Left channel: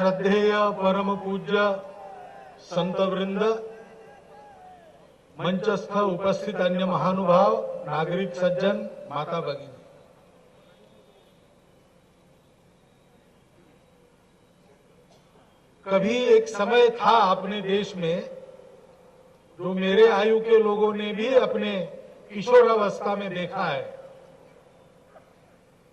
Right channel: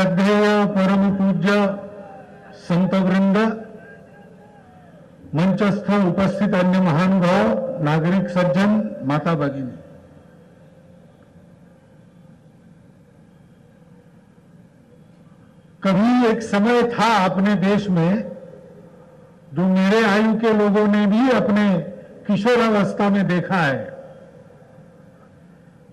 श्रद्धेय परम पूज्य संत वृंद, मंचस्थ उपस्थित अन्य महानुभाव, नागरिक सज्जन, माता भगिनी, कभी एक समय था अपने देश में जो मेरे आयु के लोगों ने भी अपने किशोरावस्था में देखा है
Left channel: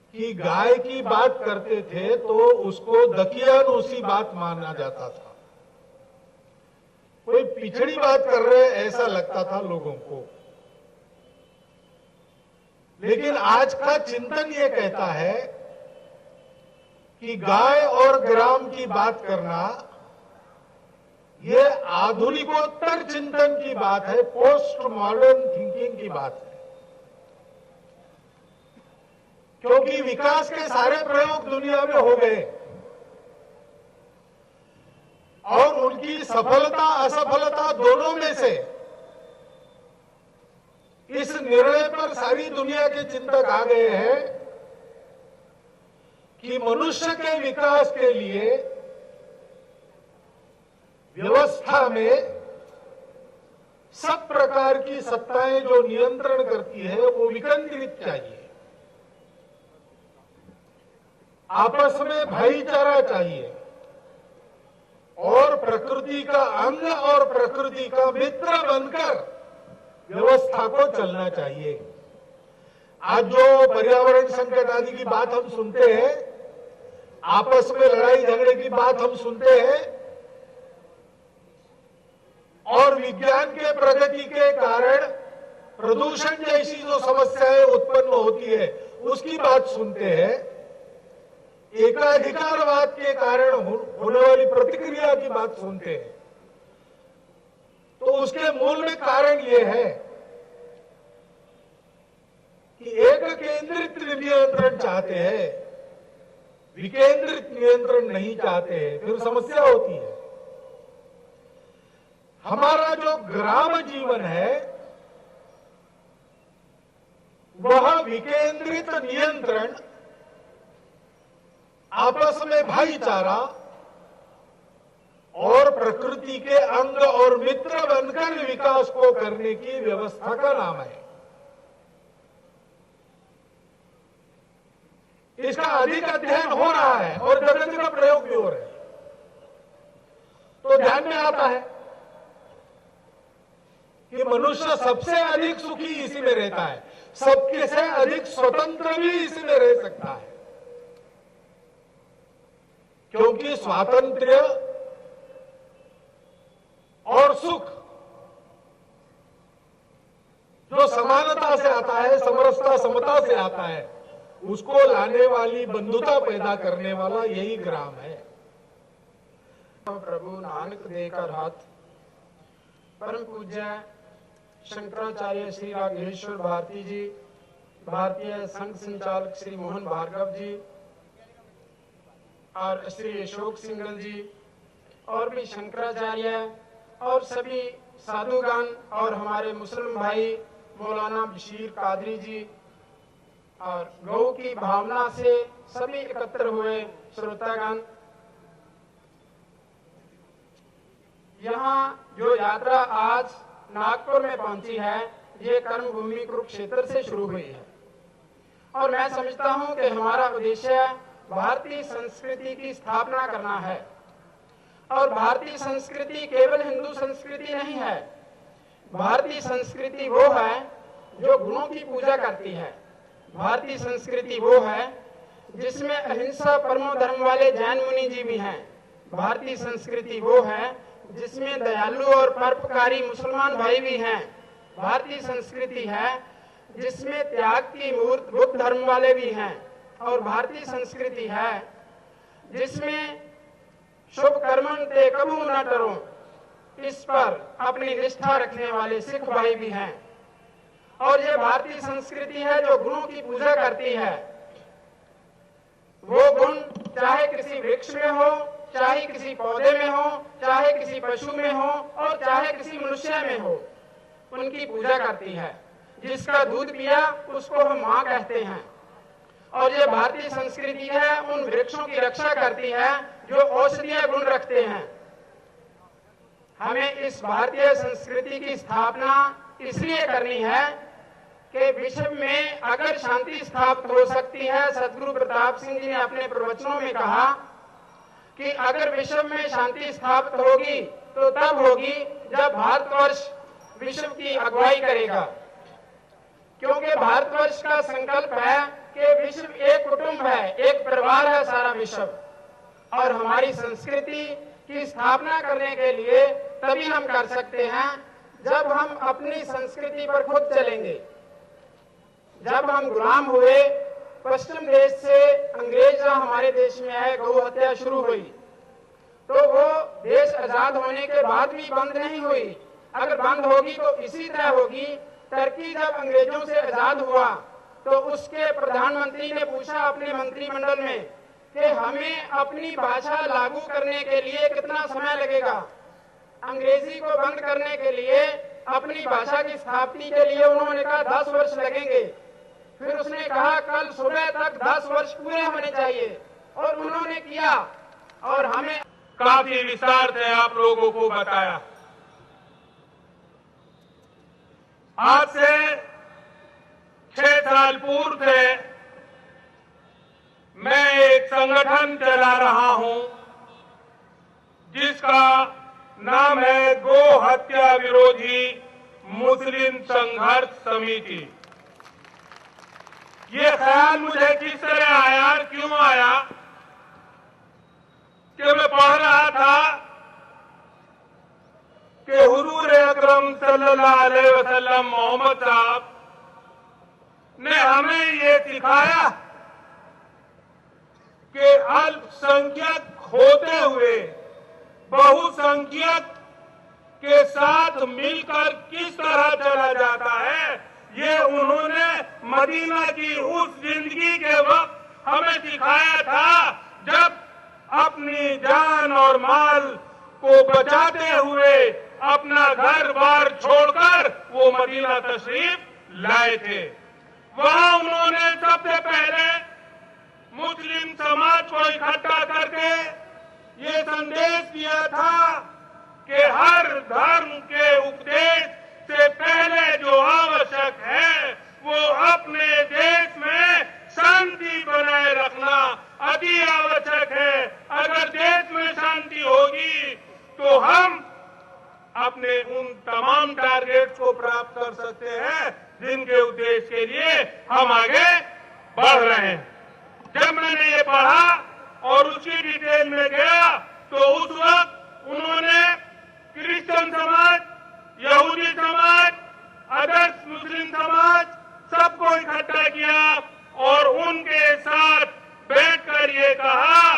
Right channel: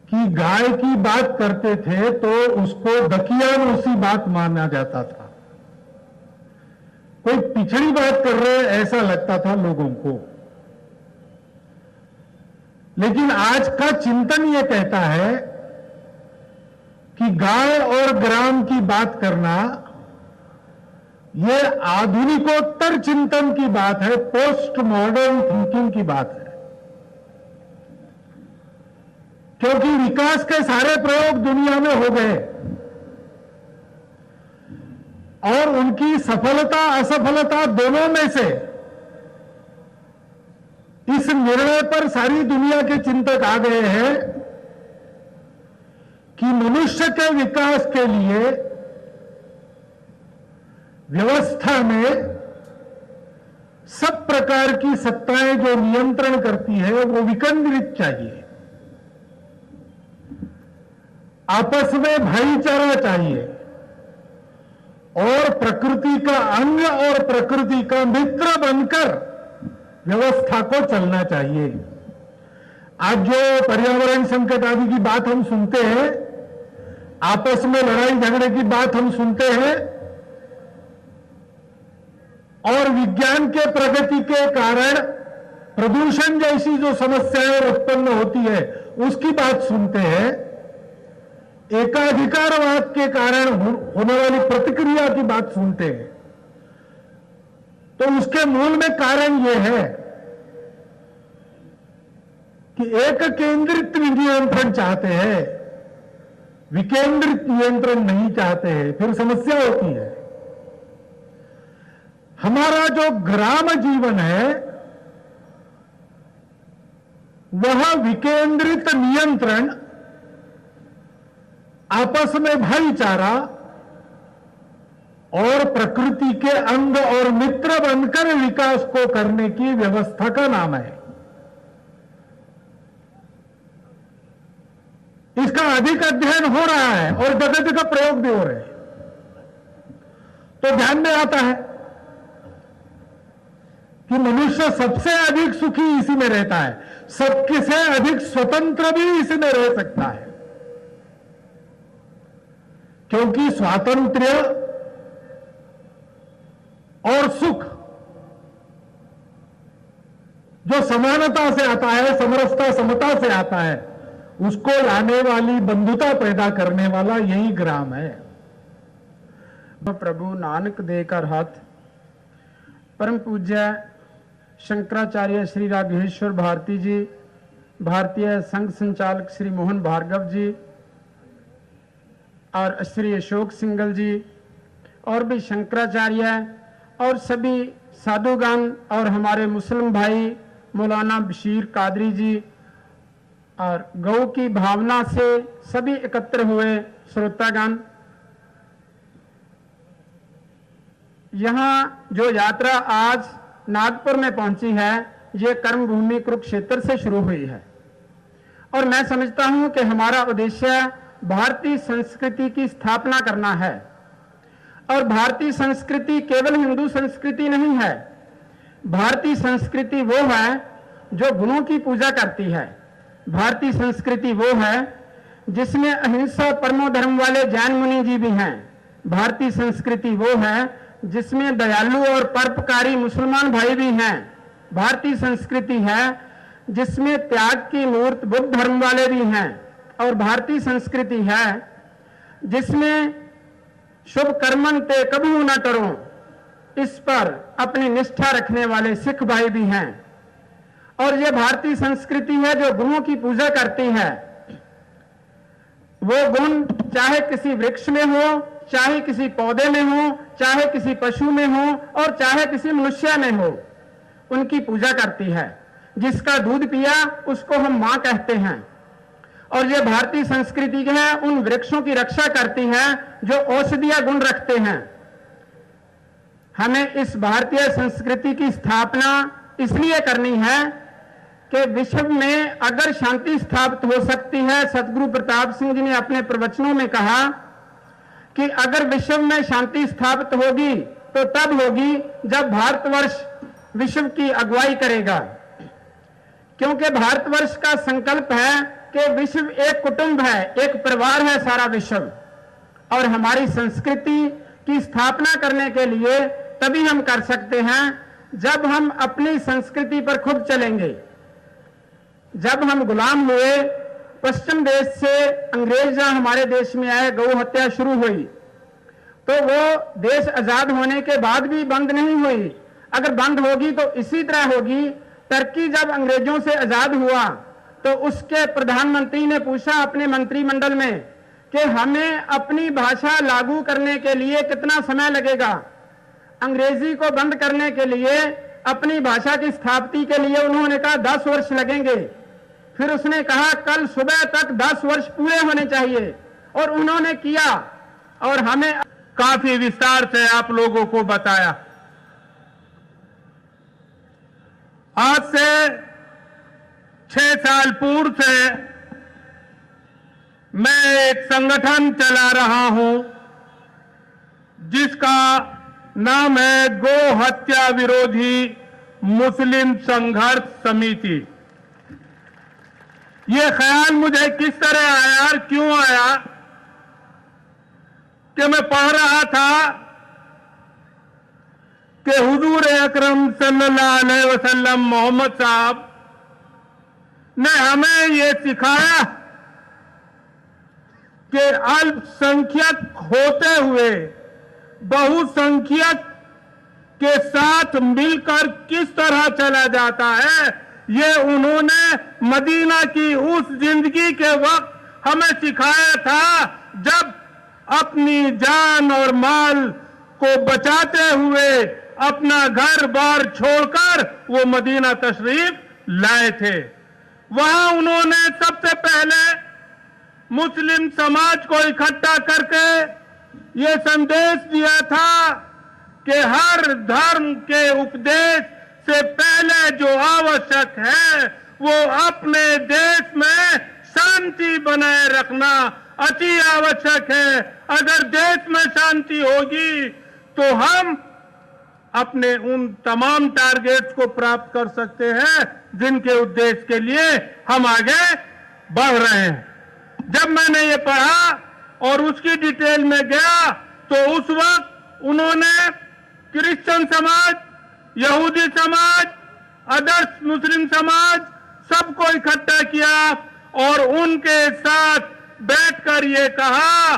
कि गाय की बात करते थे तो उसको दकियानूसी बात माना जाता था। कोई पिछड़ी बात कर रहे ऐसा लगता था लोगों को। लेकिन आज का चिंतन यह कहता है कि गाय और ग्राम की बात करना यह आधुनिकोत्तर चिंतन की बात है, पोस्ट मॉडर्न थिंकिंग की बात है। क्योंकि विकास के सारे प्रयोग दुनिया में हो गए और उनकी सफलता असफलता दोनों में से इस निर्णय पर सारी दुनिया के चिंतक आ गए हैं कि मनुष्य के विकास के लिए व्यवस्था में सब प्रकार की सत्ताएं जो नियंत्रण करती है वो विकेंद्रित चाहिए, आपस में भाईचारा चाहिए और प्रकृति का अंग और प्रकृति का मित्र बनकर व्यवस्था को चलना चाहिए। आज जो पर्यावरण संकट आदि की बात हम सुनते हैं, आपस में लड़ाई झगड़े की बात हम सुनते हैं और विज्ञान के प्रगति के कारण प्रदूषण जैसी जो समस्याएं उत्पन्न होती है उसकी बात सुनते हैं, एकाधिकारवाद के कारण होने वाली प्रतिक्रिया की बात सुनते हैं, तो उसके मूल में कारण यह है कि एक केंद्रित नियंत्रण चाहते हैं, विकेंद्रित नियंत्रण नहीं चाहते हैं, फिर समस्या होती है। हमारा जो ग्राम जीवन है वह विकेंद्रित नियंत्रण, आपस में भाईचारा और प्रकृति के अंग और मित्र बनकर विकास को करने की व्यवस्था का नाम है। इसका अधिक अध्ययन हो रहा है और गणित का प्रयोग भी हो रहे हैं, तो ध्यान में आता है कि मनुष्य सबसे अधिक सुखी इसी में रहता है, सबके से अधिक स्वतंत्र भी इसी में रह सकता है, क्योंकि स्वातंत्र्य और सुख जो समानता से आता है, समरसता समता से आता है, उसको लाने वाली बंधुता पैदा करने वाला यही ग्राम है। प्रभु नानक देकर हाथ परम पूज्य शंकराचार्य श्री राघवेश्वर भारती जी, भारतीय संघ संचालक श्री मोहन भार्गव जी और श्री अशोक सिंगल जी और भी शंकराचार्य और सभी साधुगण और हमारे मुस्लिम भाई मौलाना बशीर कादरी जी और गौ की भावना से सभी एकत्र हुए श्रोतागण, यहाँ जो यात्रा आज नागपुर में पहुंची है ये कर्म भूमि कुरुक्षेत्र से शुरू हुई है और मैं समझता हूं कि हमारा उद्देश्य भारतीय संस्कृति की स्थापना करना है। और भारतीय संस्कृति केवल हिंदू संस्कृति नहीं है, भारतीय संस्कृति वो है जो गुणों की पूजा करती है, भारतीय संस्कृति वो है जिसमें अहिंसा परमो धर्म वाले जैन मुनि जी भी हैं, भारतीय संस्कृति वो है जिसमें दयालु और परोपकारी मुसलमान भाई भी हैं, भारतीय संस्कृति है जिसमें त्याग की मूर्त बुद्ध धर्म वाले भी हैं और भारतीय संस्कृति है जिसमें शुभ कर्मन ते कभी न करो इस पर अपनी निष्ठा रखने वाले सिख भाई भी हैं। और ये भारतीय संस्कृति है जो गुणों की पूजा करती है। वो गुण चाहे किसी वृक्ष में हो, चाहे किसी पौधे में हो, चाहे किसी पशु में हो और चाहे किसी मनुष्य में हो, उनकी पूजा करती है। जिसका दूध पिया उसको हम मां कहते हैं और ये भारतीय संस्कृति जो है उन वृक्षों की रक्षा करती है जो औषधीय गुण रखते हैं। हमें इस भारतीय संस्कृति की स्थापना इसलिए करनी है कि विश्व में अगर शांति स्थापित हो सकती है, सदगुरु प्रताप सिंह जी ने अपने प्रवचनों में कहा कि अगर विश्व में शांति स्थापित होगी तो तब होगी जब भारतवर्ष विश्व की अगुवाई करेगा, क्योंकि भारतवर्ष का संकल्प है कि विश्व एक कुटुंब है, एक परिवार है सारा विश्व। और हमारी संस्कृति की स्थापना करने के लिए तभी हम कर सकते हैं जब हम अपनी संस्कृति पर खुद चलेंगे। जब हम गुलाम हुए, पश्चिम देश से अंग्रेज हमारे देश में आए, गौ हत्या शुरू हुई, तो वो देश आजाद होने के बाद भी बंद नहीं हुई। अगर बंद होगी तो इसी तरह होगी। टर्की जब अंग्रेजों से आजाद हुआ तो उसके प्रधानमंत्री ने पूछा अपने मंत्रिमंडल में कि हमें अपनी भाषा लागू करने के लिए कितना समय लगेगा। अंग्रेजी को बंद करने के लिए, अपनी भाषा की स्थापना के लिए उन्होंने कहा 10 वर्ष लगेंगे। फिर उसने कहा कल सुबह तक 10 वर्ष पूरे होने चाहिए, और उन्होंने किया और हमें काफी विस्तार से आप लोगों को बताया। आज से 6 साल पूर्व से मैं एक संगठन चला रहा हूं जिसका नाम है गो हत्या विरोधी मुस्लिम संघर्ष समिति। ये ख्याल मुझे किस तरह आया, क्यों आया कि मैं पढ़ रहा था कि हुजूर अकरम सल्लल्लाहु अलैहि वसल्लम मोहम्मद साहब ने हमें ये सिखाया कि अल्पसंख्यक होते हुए बहुसंख्यक के साथ मिलकर किस तरह चला जाता है। ये उन्होंने मदीना की उस जिंदगी के वक्त हमें सिखाया था जब अपनी जान और माल को बचाते हुए अपना घर बार छोड़कर वो मदीना तशरीफ लाए थे। वहां उन्होंने सबसे पहले मुस्लिम समाज को इकट्ठा करके ये संदेश दिया था कि हर धर्म के उपदेश से पहले जो आवश्यक है वो अपने देश में शांति बनाए रखना अति आवश्यक है। अगर देश में शांति होगी तो हम अपने उन तमाम टारगेट्स को प्राप्त कर सकते हैं जिनके उद्देश्य के लिए हम आगे बढ़ रहे हैं। जब मैंने ये पढ़ा और उसकी डिटेल में गया तो उस वक्त उन्होंने क्रिश्चियन समाज, यहूदी समाज, अदर्स मुस्लिम समाज सबको इकट्ठा किया और उनके साथ बैठकर ये कहा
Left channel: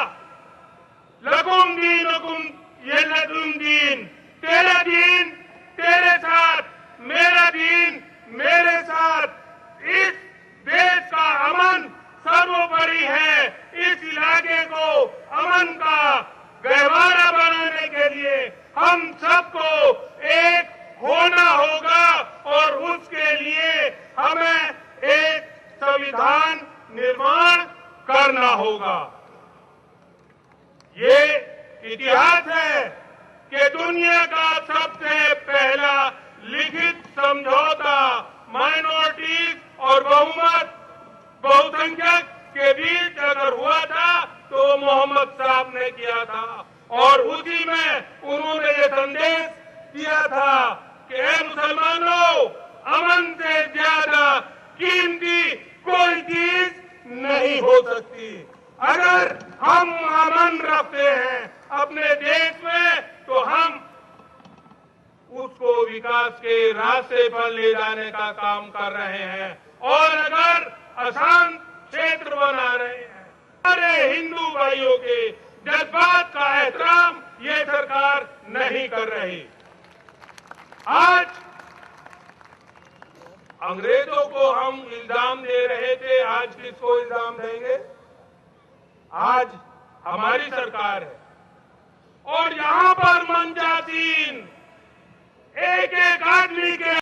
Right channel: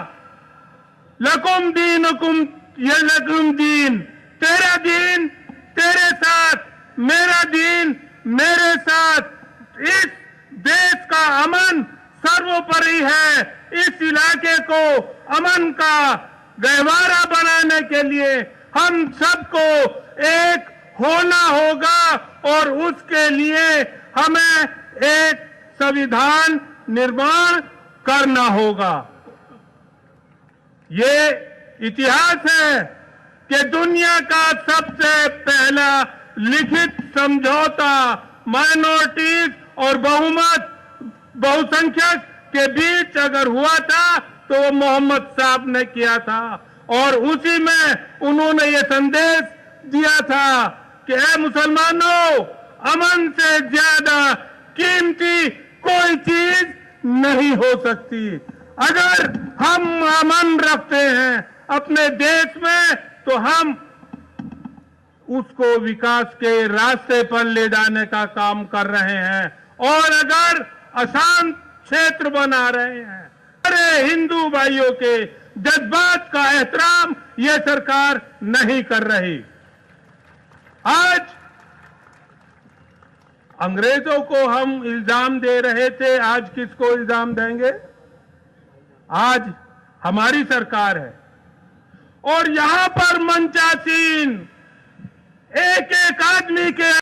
लकुम दीनुकुम ये लकुम दीन, तेरा दीन तेरे साथ, मेरा दीन मेरे साथ। इस देश का अमन सर्वोपरि है। इस इलाके को अमन का गहवारा बनाने के लिए हम सबको एक होना होगा और उसके लिए हमें एक संविधान निर्माण करना होगा। ये इतिहास है कि दुनिया का सबसे पहला लिखित समझौता माइनॉरिटीज और बहुसंख्यक के बीच अगर हुआ था तो मोहम्मद साहब ने किया था और उसी में उन्होंने ये संदेश दिया था कि हे मुसलमानों, अमन से ज्यादा कीमती कोई चीज नहीं हो सकती। अगर हम अमन रखते हैं अपने देश में तो हम उसको विकास के रास्ते पर ले जाने का काम कर रहे हैं, और अगर अशांत क्षेत्र बना रहे हैं, अरे हिंदू भाइयों के जज्बात का एहतराम ये सरकार नहीं कर रही। आज अंग्रेजों को हम इल्जाम दे रहे थे, आज किसको इल्जाम देंगे? आज हमारी सरकार है और यहां पर मंचासीन एक एक आदमी के